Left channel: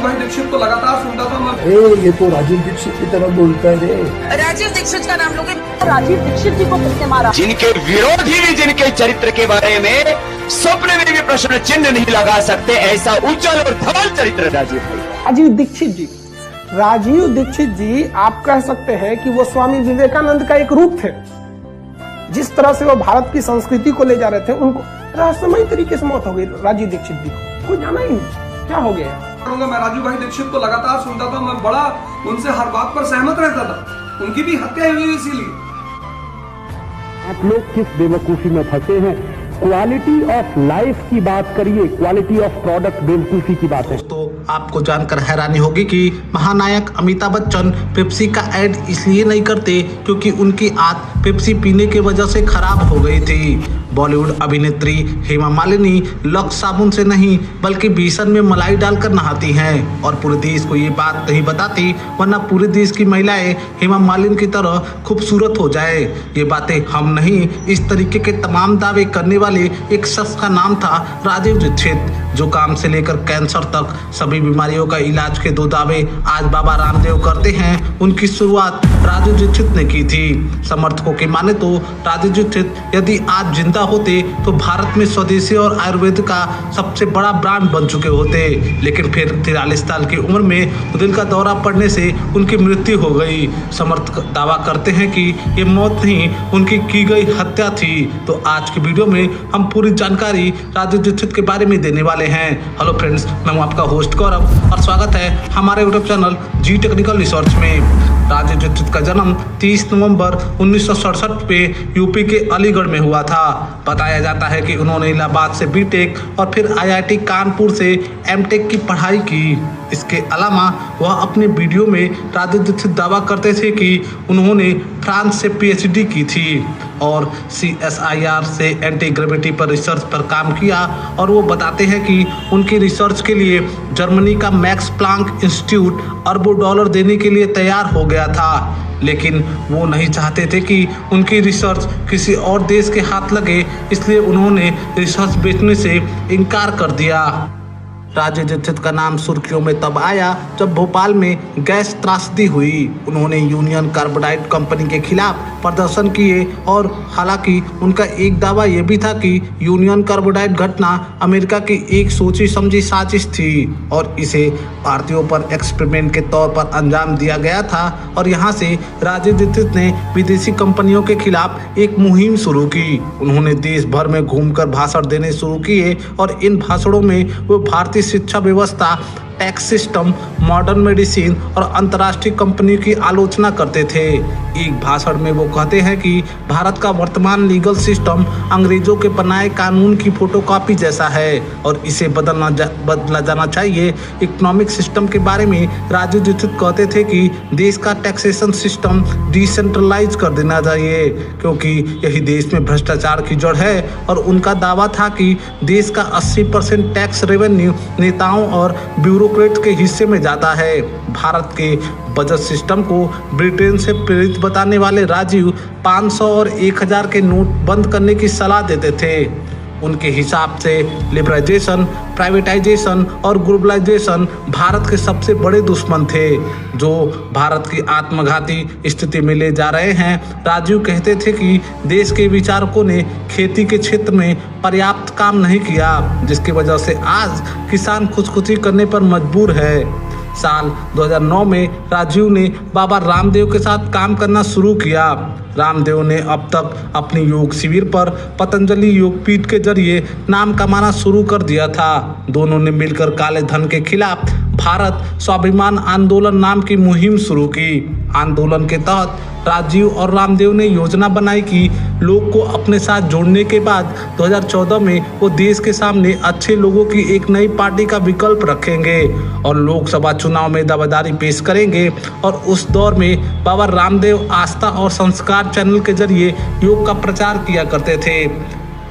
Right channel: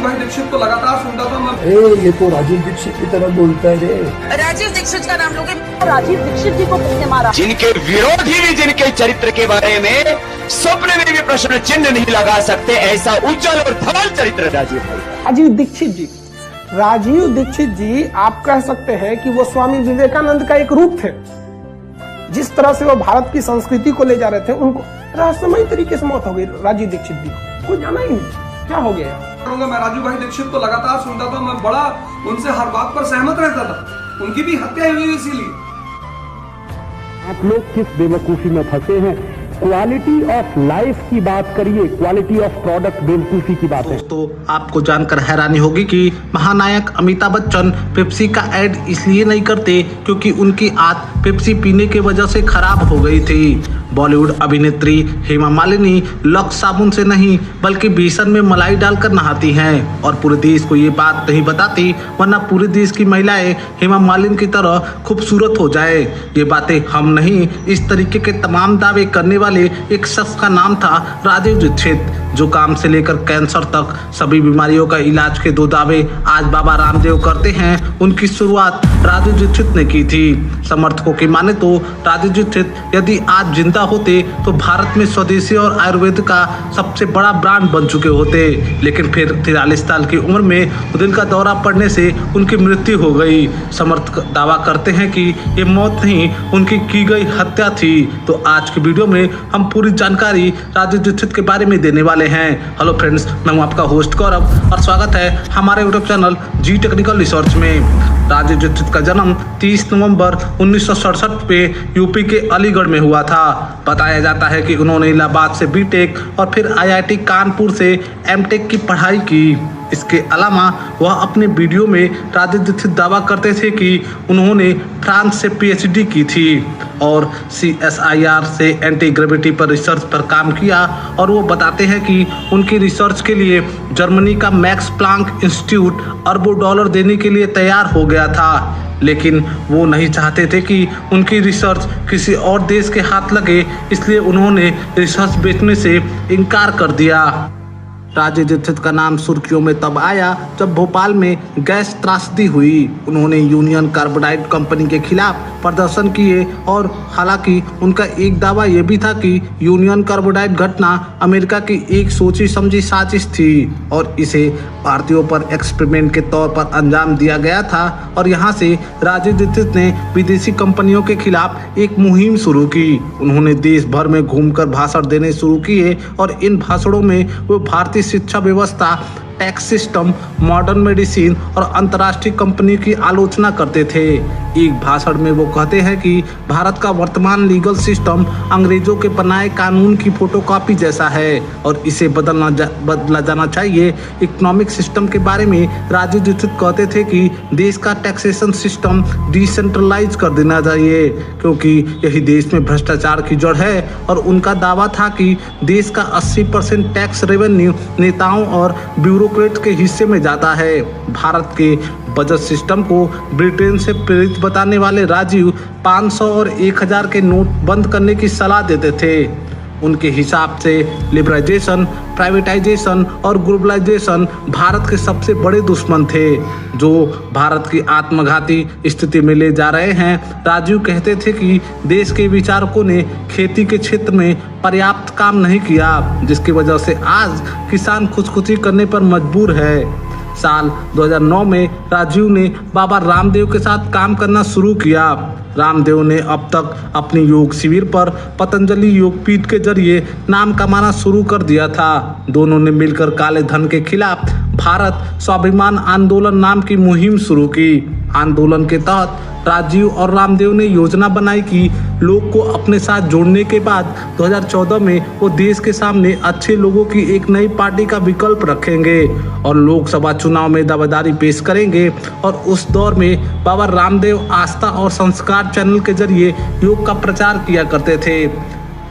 राजू भाई दीक्षित को लगातार सुनता था मैं। ये तो राजीव दीक्षित की तरह बोलता है रे। राजीव दीक्षित का नाम लोगे। राजीव दीक्षित जी को किसने मारा? जिनके विरोधी भी जिनके चरित्र के बारे में स्वप्न में भी प्रश्न चिन्ह नहीं लगा सकते, ऐसा उज्जवल और धवल चरित्र राजीव भाई। राजीव दीक्षित जी आप कह सकते हैं कि वो स्वामी विवेकानंद का एक रूप थे। जिस तरह से वो भारत की संस्कृति को ले जा रहे थे, उनको रहस्यमय तरीके से मौत हो गई राजीव दीक्षित जी को, कोई जाना ही नहीं क्या हो गया। मैं राजू भाई दीक्षित को लगातार सुनता था, मैं बड़ा उनसे हर बात पर सहमत रहता था। उनकी भी हत्या हुई इसीलिए। आप लोग किस बेवकूफी में फंसे हैं। क्वालिटी ऑफ लाइफ की बात करिए, क्वालिटी ऑफ प्रोडक्ट बेवकूफी की बात है। तो आपको जानकर हैरानी होगी कि महानायक अमिताभ बच्चन पेप्सी का ऐड इसलिए नहीं करते क्योंकि उनकी आदत पेप्सी पीने की वजह से खराब हो गई थी। बॉलीवुड अभिनेत्री हेमा मालिनी लक्स साबुन से नहीं बल्कि बेसन में मलाई डालकर नहाती हैं और पूरे देश को ये बात नहीं बताती, वरना पूरे देश की महिलाएं हेमा मालिनी की तरह खूबसूरत हो जाए। ये बातें हम नहीं, इस तरीके के तमाम दावे करने वाले एक शख्स का नाम था राजीव दीक्षित, जो काम से लेकर कैंसर तक सभी बीमारियों का इलाज के 2 दावे आज बाबा रामदेव करते हैं। उनकी शुरुआत राजीव दीक्षित ने की थी। समर्थकों की माने तो राजीव दीक्षित यदि आज जिंदा होते तो भारत में स्वदेशी और आयुर्वेद का सबसे बड़ा ब्रांड बन चुके होते, लेकिन फिर 43 साल की उम्र में दिल का दौरा पड़ने से उनकी मृत्यु हो गई। समर्थक दावा करते हैं कि ये मौत नहीं, उनकी की गई हत्या थी। तो आज की वीडियो में हम पूरी जानकारी राजीव दीक्षित के बारे में देने वाले हैं। हेलो फ्रेंड्स, मैं हूं आपका होस्ट गौरव और स्वागत है हमारे यूट्यूब चैनल जी टेक्निकल रिसर्च में। राजीव दीक्षित का जन्म 30 नवंबर 1967 पे यूपी के अलीगढ़ में हुआ था। बताया जाता है कि उन्होंने इलाहाबाद से बीटेक और फिर आईआईटी कानपुर से एमटेक की पढ़ाई की। इसके अलावा वह अपने वीडियो में राजीव दीक्षित दावा करते थे कि उन्होंने फ्रांस से पीएचडी की थी और CSIR से एंटी ग्रेविटी पर रिसर्च पर काम किया। और वो बताते हैं कि उनकी रिसर्च के लिए जर्मनी का मैक्स प्लांक इंस्टीट्यूट अरबों डॉलर देने के लिए तैयार हो गया था, लेकिन वो नहीं चाहते थे कि उनकी रिसर्च किसी और देश के हाथ लगे, इसलिए उन्होंने रिसर्च बेचने से इनकार कर दिया। राजीव दीक्षित का नाम सुर्खियों में तब आया जब भोपाल में गैस त्रासदी हुई। उन्होंने यूनियन कार्बाइड कंपनी के खिलाफ प्रदर्शन किए और हालांकि उनका एक दावा यह भी था कि यूनियन कार्बाइड घटना अमेरिका की एक सोची समझी साजिश थी और इसे भारतीयों पर एक्सपेरिमेंट के तौर पर अंजाम दिया गया था। और यहाँ से राजीव दीक्षित ने विदेशी कंपनियों के खिलाफ एक मुहिम शुरू की। उन्होंने देश भर में घूमकर भाषण देने शुरू किए और इन भाषणों में वो भारतीय शिक्षा व्यवस्था, टैक्स सिस्टम, मॉडर्न मेडिसिन और अंतर्राष्ट्रीय कंपनी की आलोचना करते थे। एक भाषण में वो कहते हैं कि भारत का वर्तमान लीगल सिस्टम अंग्रेजों के बनाए कानून की फोटोकॉपी जैसा है और इसे बदला जाना चाहिए। इकोनॉमिक सिस्टम के बारे में राजीव दीक्षित कहते थे कि देश का टैक्सेशन सिस्टम डिसेंट्रलाइज कर देना चाहिए क्योंकि यही देश में भ्रष्टाचार की जड़ है। और उनका दावा था कि देश का 80% टैक्स रेवेन्यू नेताओं और ब्यूरोक्रेट के हिस्से में जाता है। भारत के बजट सिस्टम को ब्रिटेन से प्रेरित बताने वाले राजीव 500 और 1000 के नोट बंद करने की सलाह देते थे। उनके हिसाब से लिबरलाइजेशन, प्राइवेटाइजेशन और ग्लोबलाइजेशन भारत के सबसे बड़े दुश्मन थे जो भारत की आत्मघाती स्थिति में ले जा रहे हैं। राजीव कहते थे कि देश के विचारकों ने खेती के क्षेत्र में पर्याप्त काम नहीं किया, जिसकी वजह से आज किसान खुदकुशी करने पर मजबूर है। साल 2009 में राजीव ने बाबा रामदेव के साथ काम करना शुरू किया। रामदेव ने अब तक अपनी योग शिविर पर पतंजलि योगपीठ के जरिए नाम कमाना शुरू कर दिया था। दोनों ने मिलकर काले धन के खिलाफ भारत स्वाभिमान आंदोलन नाम की मुहिम शुरू की। आंदोलन के तहत राजीव और रामदेव ने योजना बनाई कि लोग को अपने साथ जोड़ने के बाद 2014 में वो देश के सामने अच्छे लोगों की एक नई पार्टी का विकल्प रखेंगे और लोकसभा चुनाव में दावेदारी पेश करेंगे। और उस दौर में बाबा रामदेव आस्था और संस्कार चैनल के जरिए योग का प्रचार किया करते थे।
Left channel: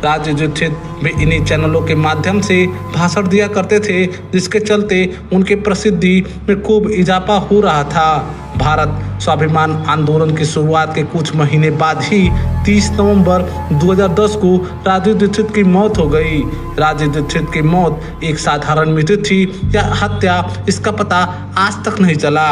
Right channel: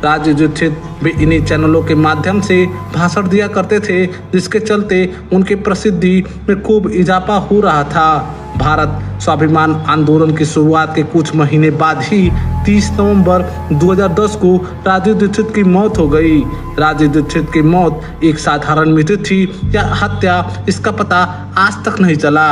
राजीव दीक्षित भी इन्हीं चैनलों के माध्यम से भाषण दिया करते थे, जिसके चलते उनके प्रसिद्धि में खूब इजाफा हो रहा था। भारत स्वाभिमान आंदोलन की शुरुआत के कुछ महीने बाद ही 30 नवंबर 2010 को राजीव दीक्षित की मौत हो गई। राजीव दीक्षित की मौत एक साधारण मृत्यु थी या हत्या, इसका पता आज तक नहीं चला।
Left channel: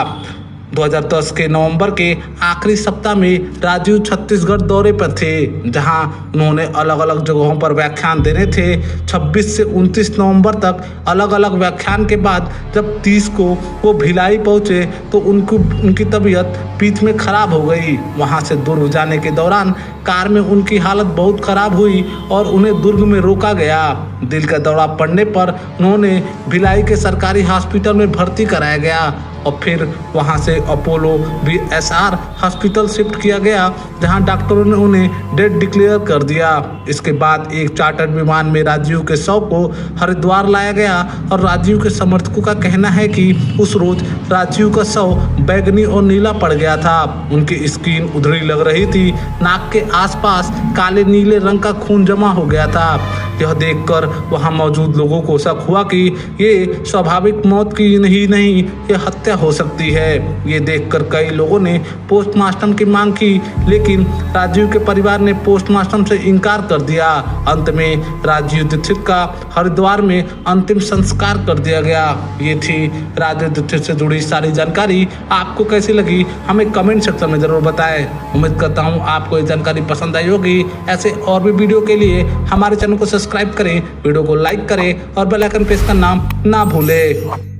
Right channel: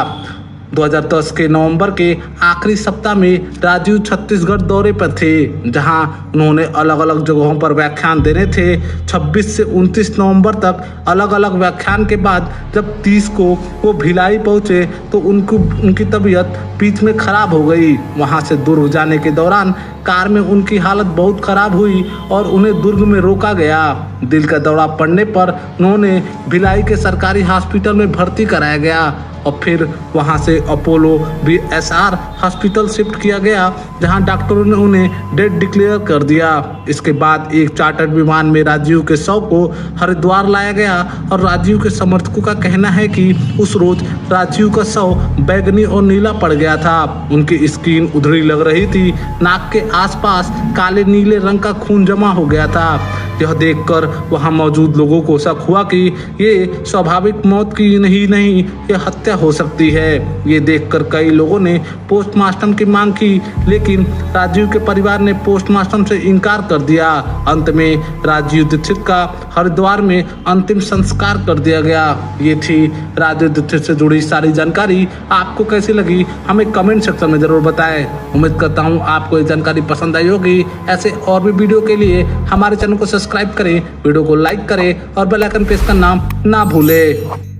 2010 के नवंबर के आखिरी सप्ताह में राजीव छत्तीसगढ़ दौरे पर थे, जहां उन्होंने अलग अलग जगहों पर व्याख्यान देने थे। 26 से 29 नवंबर तक अलग अलग व्याख्यान के बाद जब 30 को वो भिलाई पहुंचे तो उनकी तबीयत बीच में खराब हो गई। वहां से दुर्ग जाने के दौरान कार में उनकी हालत बहुत खराब हुई और उन्हें दुर्ग में रोका गया। दिल का दौरा पड़ने पर उन्होंने भिलाई के सरकारी हॉस्पिटल में भर्ती कराया गया और फिर वहां से अपोलो BSR हॉस्पिटल शिफ्ट किया गया, जहां डॉक्टरों ने उन्हें डेड डिक्लेयर कर दिया। इसके बाद एक चार्टर्ड विमान में राजीव के शव को हरिद्वार लाया गया और राजीव के समर्थकों का कहना है कि उस रोज राजीव का शव बैगनी और नीला पड़ गया था। उनकी स्किन उधड़ी लग रही थी, नाक के आसपास काले नीले रंग का खून जमा हो गया था। यह देखकर वहां मौजूद लोगों को शक हुआ कि ये स्वाभाविक मौत की नहीं यह हत्या हो सकती है। ये देखकर कई लोगों ने पोस्टमार्टम की मांग की, लेकिन राजीव के परिवार ने पोस्टमार्टम से इनकार कर दिया। अंत में राजीव दीक्षित का हरिद्वार में अंतिम संस्कार कर दिया गया। ये थी राजीव दीक्षित से जुड़ी सारी जानकारी। आपको कैसी लगी हमें कमेंट सेक्शन में जरूर बताएं। उम्मीद करता हूँ आपको ये जानकारी पसंद आई होगी। ऐसे और भी वीडियो के लिए हमारे चैनल को सब्सक्राइब करें, वीडियो को लाइक करें और बेल आइकन प्रेस करना ना भूलें।